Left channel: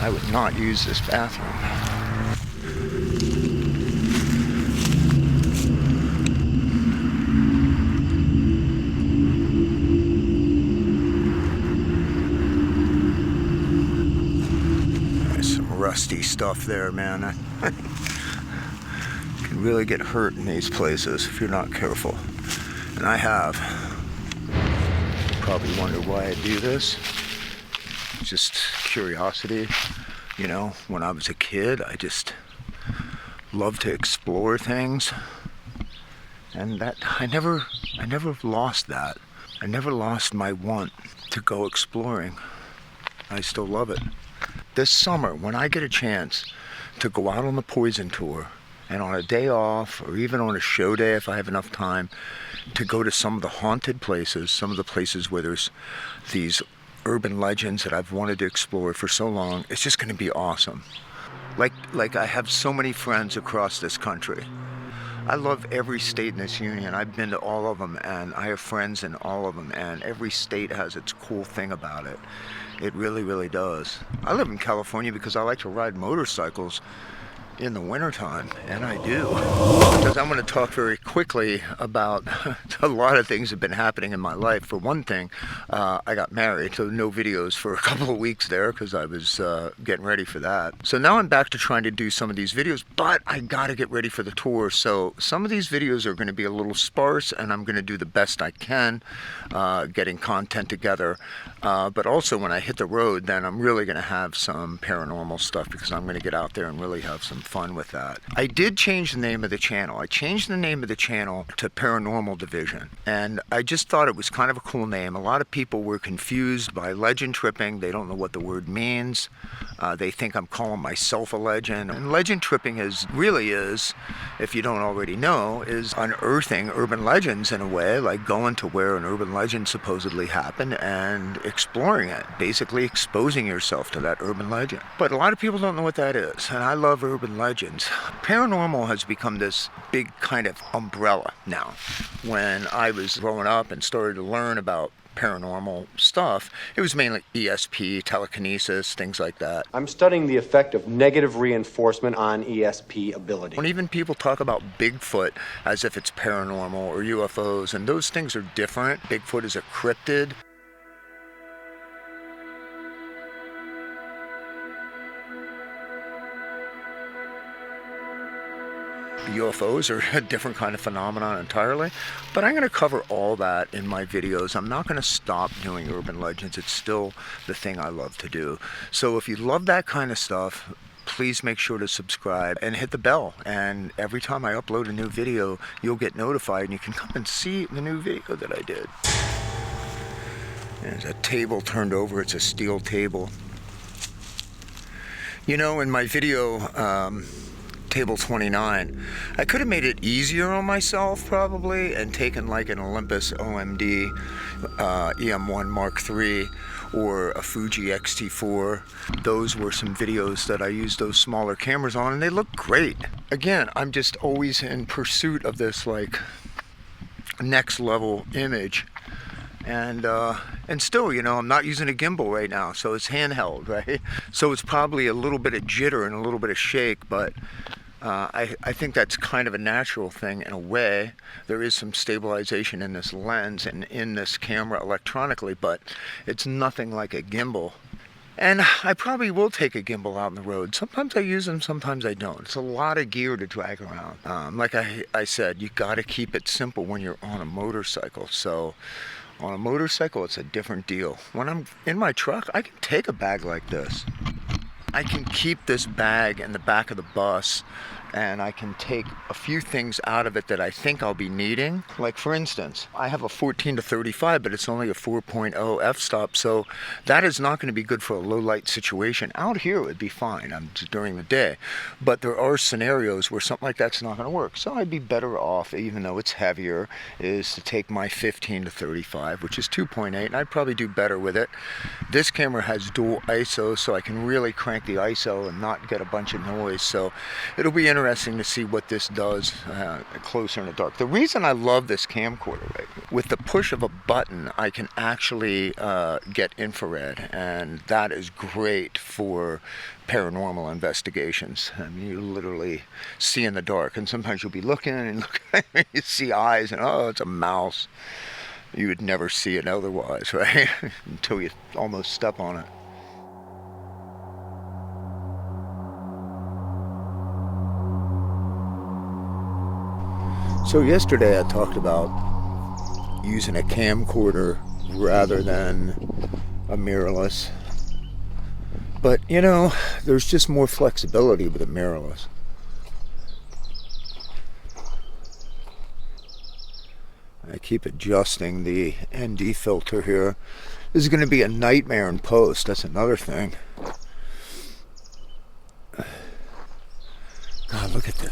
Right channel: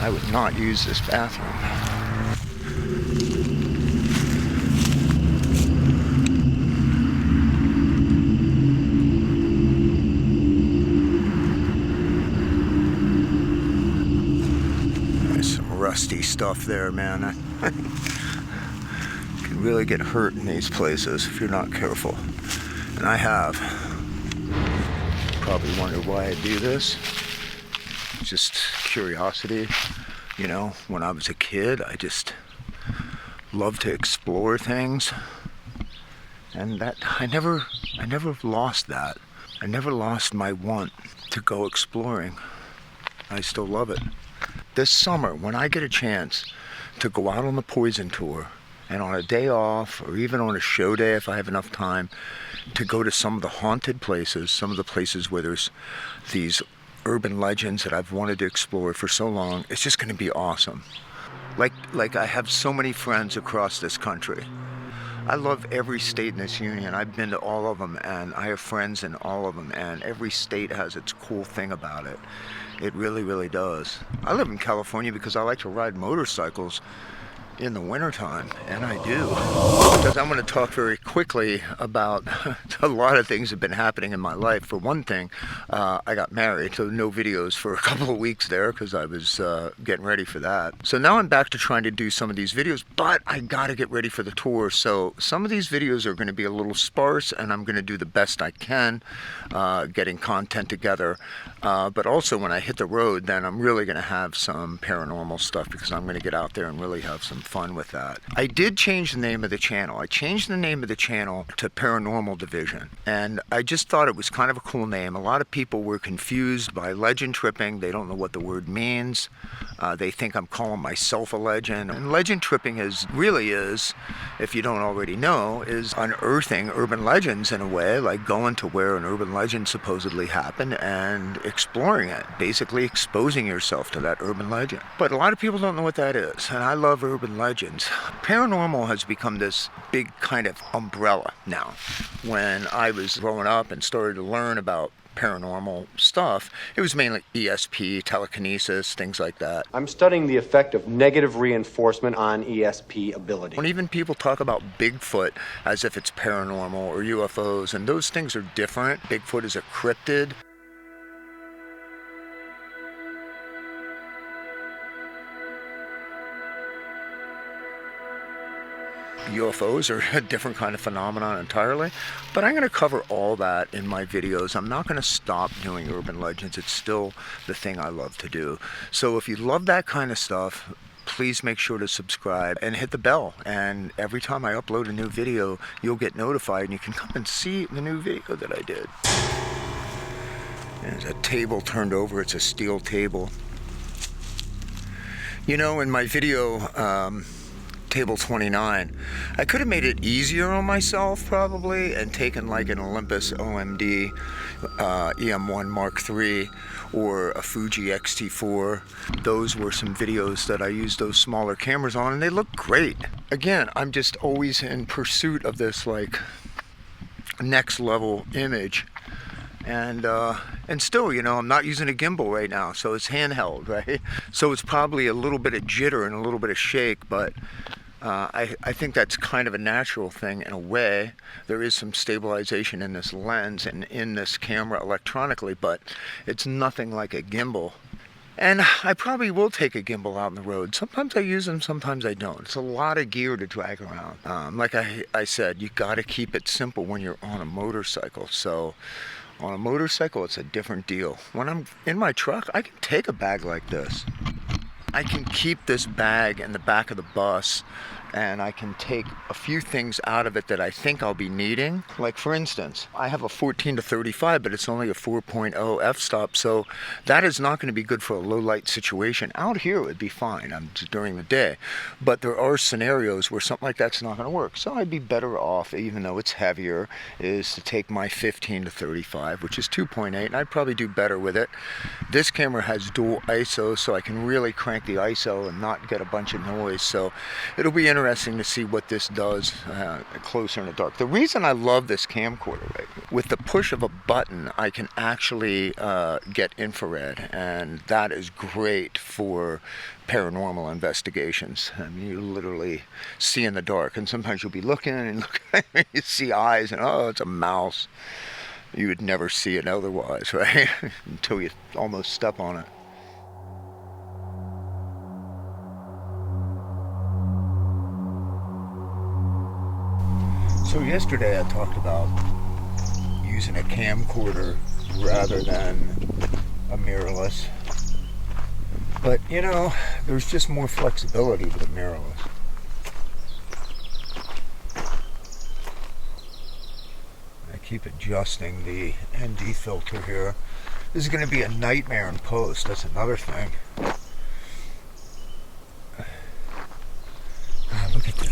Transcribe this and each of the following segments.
I would not use this bathroom. There's some rusty stuff there, man. You can really get hurt in these places if you're not careful. And I have. Probably wonder why I do this. Just curiosity. You know, when I was a kid, I just loved to explore things. And that I never lost that. I never lost my want to go exploring. I still love it. This summer, when I get a chance to go out on the Poison Tour, and on a day off, or even on a show day if I have enough time, to go to some of the haunted places, some of the places where there's these urban legends that I've wanted to explore for so long, it's just going to be awesome. Like I have so many friends across this country. I love every state in this union. I've been to all of them, and I have friends in all of them, and every state has its cool thing about it. It really, really does. I live in California because I like to ride motorcycles in the wintertime, and I do. Because I'm going to talk very quickly about a lot of things that have been happening in my life. For one thing, I got married, so no videos for a couple of weeks there because I was getting ready for that. So now I'm back to trying to do some of these videos, but I got to get ready for the tour. So some of these videos are going to be a little sparse, and I'm going to do the best I can getting content together. But also when I hit the road, then I'm really going to have some paranormal stuff because I'm going to get out there and really have some fun with that. I did change the name of the channel. I changed the name of the channel to Paranormal Division, and I just thought it was kind of a cool name. A lot of people were confused by legend tripping. They don't know what the word means. They think I'm calling myself a legend. And legend tripping really is, if you don't already know, is unearthing urban legends in a way, like going to where an urban legend supposedly happened and exploring it, basically exposing yourself to that urban legend. But a lot of people don't know what that is, and I love urban legends. Paranormal has become this big kind of umbrella now. When I was growing up and started to learn about paranormal stuff, it was mainly ESP, telekinesis, things like that. I'm studying the effect of negative reinforcement on ESP ability. When even people talk about Bigfoot as if it's paranormal or UFOs, and those things are different. Bigfoot is a cryptid. UFOs are a different kind of phenomenon entirely, but I'm going to cover all that in my videos. I'm not going to stop doing urban legends. It's still the thing I love to do. So if you love that kind of stuff, please make sure to subscribe and hit the bell. And every time I upload a new video, you'll get notified and you can come and see the new video that I did. There's a table turned over. It's a steel table. You know, in my video, Table 29, I could have made it easier on myself probably and taken like an Olympus OMD EM1 Mark III or a Fuji X-T4. Those were some videos that I used those smaller cameras on, and they look great. Again, I'm just always in pursuit of this like next level image. And still, you know, I'm not using a gimbal right now, so it's handheld, right? So it's probably a little bit of jitter and a little bit of shake, but I think that's kind of a natural thing in a way. There is some stabilization in this lens and in this camera electronically, but it's nothing like a gimbal. And I probably will take a gimbal out on the road. Sometimes I use them, sometimes I don't. It's a lot of gear to drag around. Like I said, you got to keep it simple when you're on a motorcycle. So on a motorcycle, it's a different deal. When I'm in my truck, I can take a bag like this. I can keep this bag in the back of the bus, and I can take a few things out of it that I think I'll be needing. Like for instance, I have a 14-35, but it's only a 4.0 f-stop, so that is not going to be good for a low light situation. Out here it would be fine during the day, but there are scenarios where something like that's not going to work. So I'd be better off, even though it's heavier, is to take my 15-35, which is 2.8, and I'd probably do better with it. This camera has dual ISO, so I can really crank the ISO and not get a bunch of noise, so it'll be interesting interesting to see what this does closer in the dark. The reason I love this camcorder, right, with the push of a button, I can actually get infrared, and that is great for paranormal investigations. I mean, you literally see in the dark, and sometimes you'll be looking and you see eyes, and oh, it's a mouse. You would never see it otherwise, right? Until you almost step on it. So yesterday I talked about using a camcorder rather than a mirrorless. But you know, there's just more flexibility with a mirrorless. I keep adjusting the ND filter here. This is going to be a nightmare in post, that's another thing. Oh, look at that.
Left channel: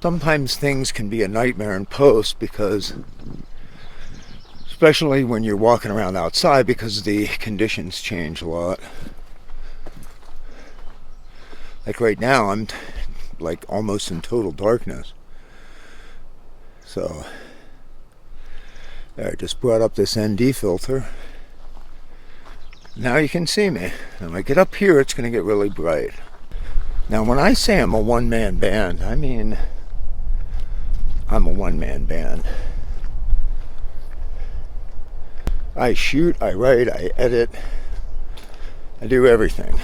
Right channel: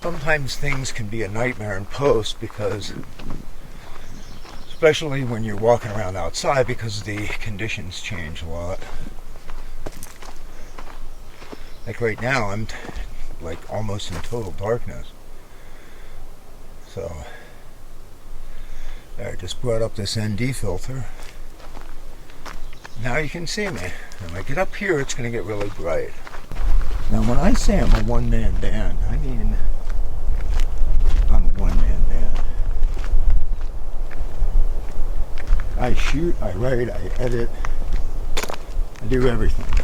Sometimes things can be a nightmare in post because, especially when you're walking around outside, because the conditions change a lot. Like right now, I'm like almost in total darkness. So, there, I just brought up this ND filter. Now you can see me. When I get up here, it's going to get really bright. Now, when I say I'm a one-man band, I mean I'm a one-man band. I shoot, I write, I edit, I do everything.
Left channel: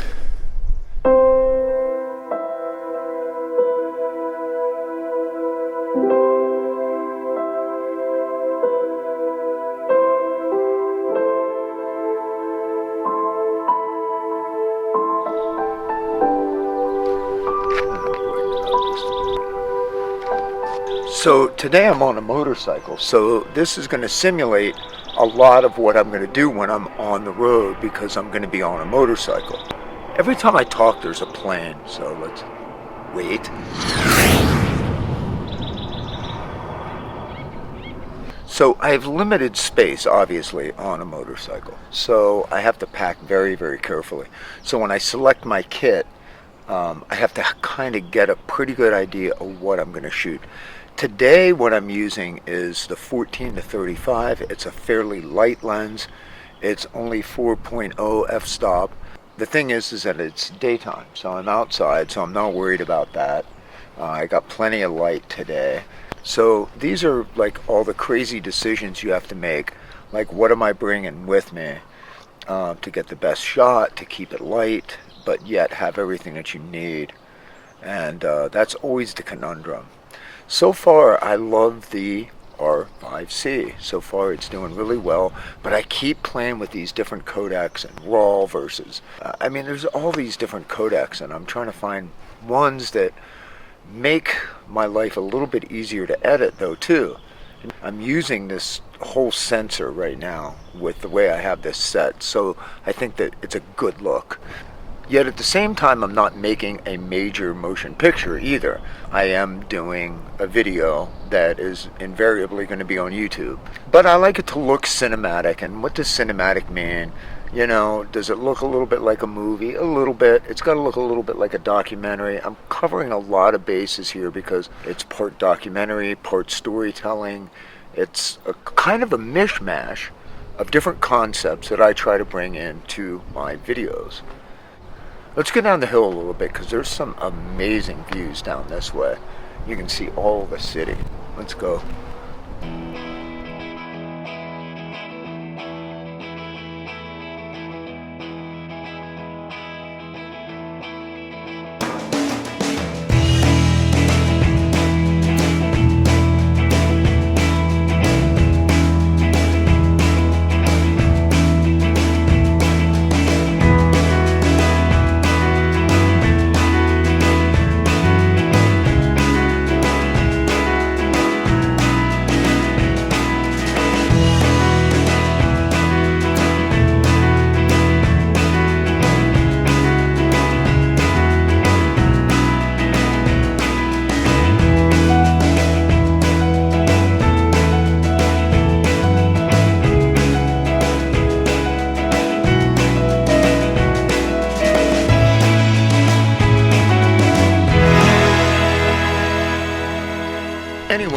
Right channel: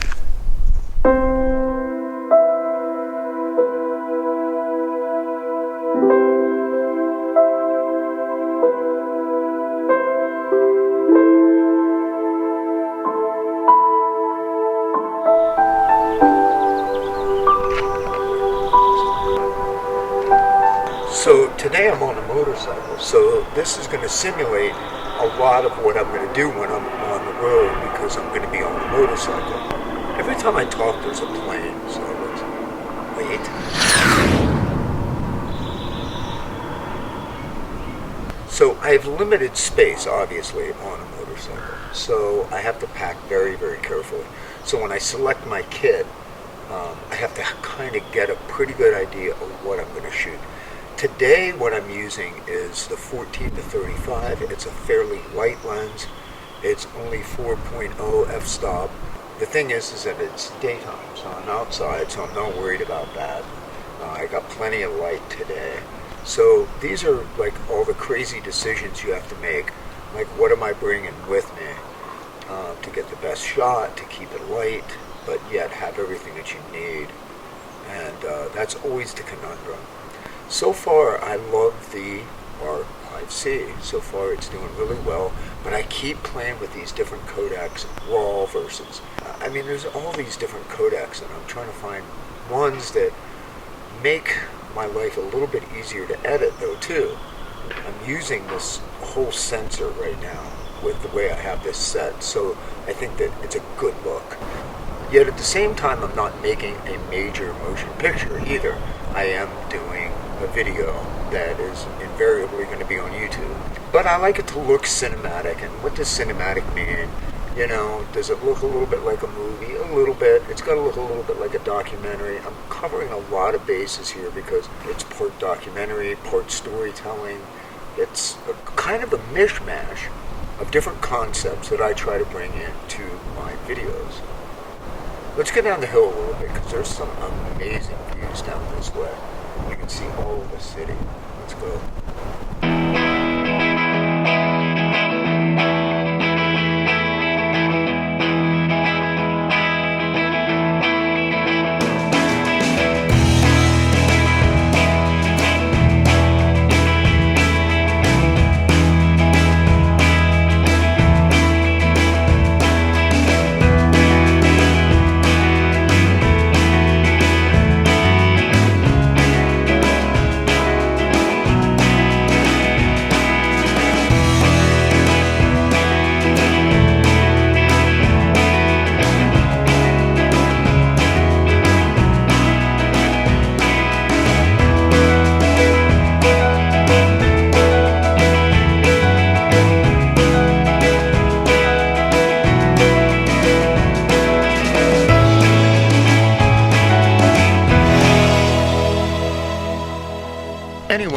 So today I'm on a motorcycle, so this is going to simulate a lot of what I'm going to do when I'm on the road, because I'm going to be on a motorcycle. Every time I talk there's a plane, so let's wait. So I have limited space, obviously, on a motorcycle, so I have to pack very, very carefully. So when I select my kit, I have to kind of get a pretty good idea of what I'm going to shoot. Today what I'm using is the 14-35. It's a fairly light lens. It's only 4.0 f-stop. The thing is that it's daytime, so I'm outside, so I'm not worried about that. I got plenty of light today. So these are like all the crazy decisions you have to make. Like, what am I bringing with me to get the best shot, to keep it light, but yet have everything that you need. And that's always the conundrum. So far, I love the R5-C. So far, it's doing really well, but I keep playing with these different codecs, RAW versus, I mean, there's all these different codecs, and I'm trying to find ones that make my life a little bit easier to edit, though, too. I'm using this whole sensor right now with the way I have this set, so I think that it's a good look. Yet at the same time, I'm not making a major motion picture either. I am doing a video that is invariably going to be on YouTube. But I like it to look cinematic. And what does cinematic mean? You know, does it look a little bit like a movie? A little bit. It's got to look a little bit like a documentary. I'm covering a lot of bases here because it's part documentary, part storytelling. It's a kind of a mishmash of different concepts that I try to bring into my videos. Let's go down the hill a little bit, because there's some amazing views down this way. You can see all of the city. Let's go.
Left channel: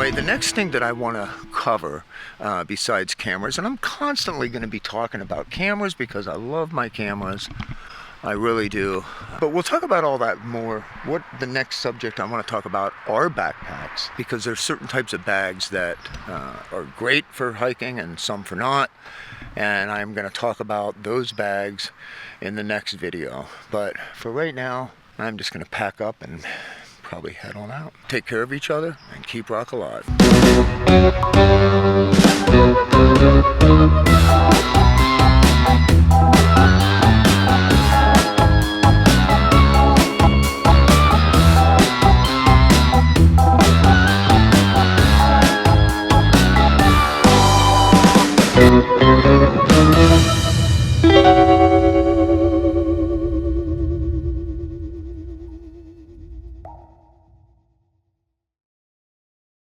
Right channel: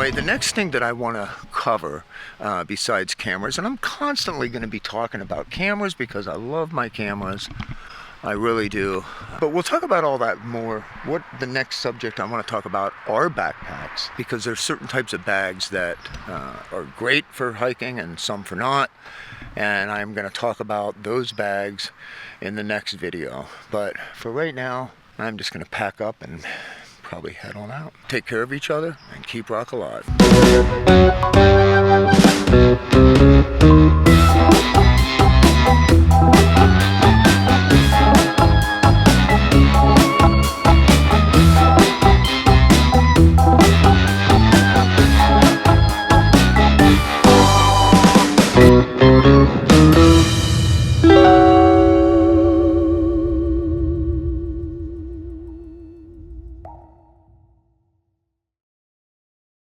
Anyway, the next thing that I want to cover besides cameras, and I'm constantly going to be talking about cameras because I love my cameras. I really do. But we'll talk about all that more. What the next subject I want to talk about are backpacks, because there's certain types of bags that are great for hiking and some for not. And I'm going to talk about those bags in the next video. But for right now, I'm just going to pack up and probably head on out. Take care of each other and keep rock alive.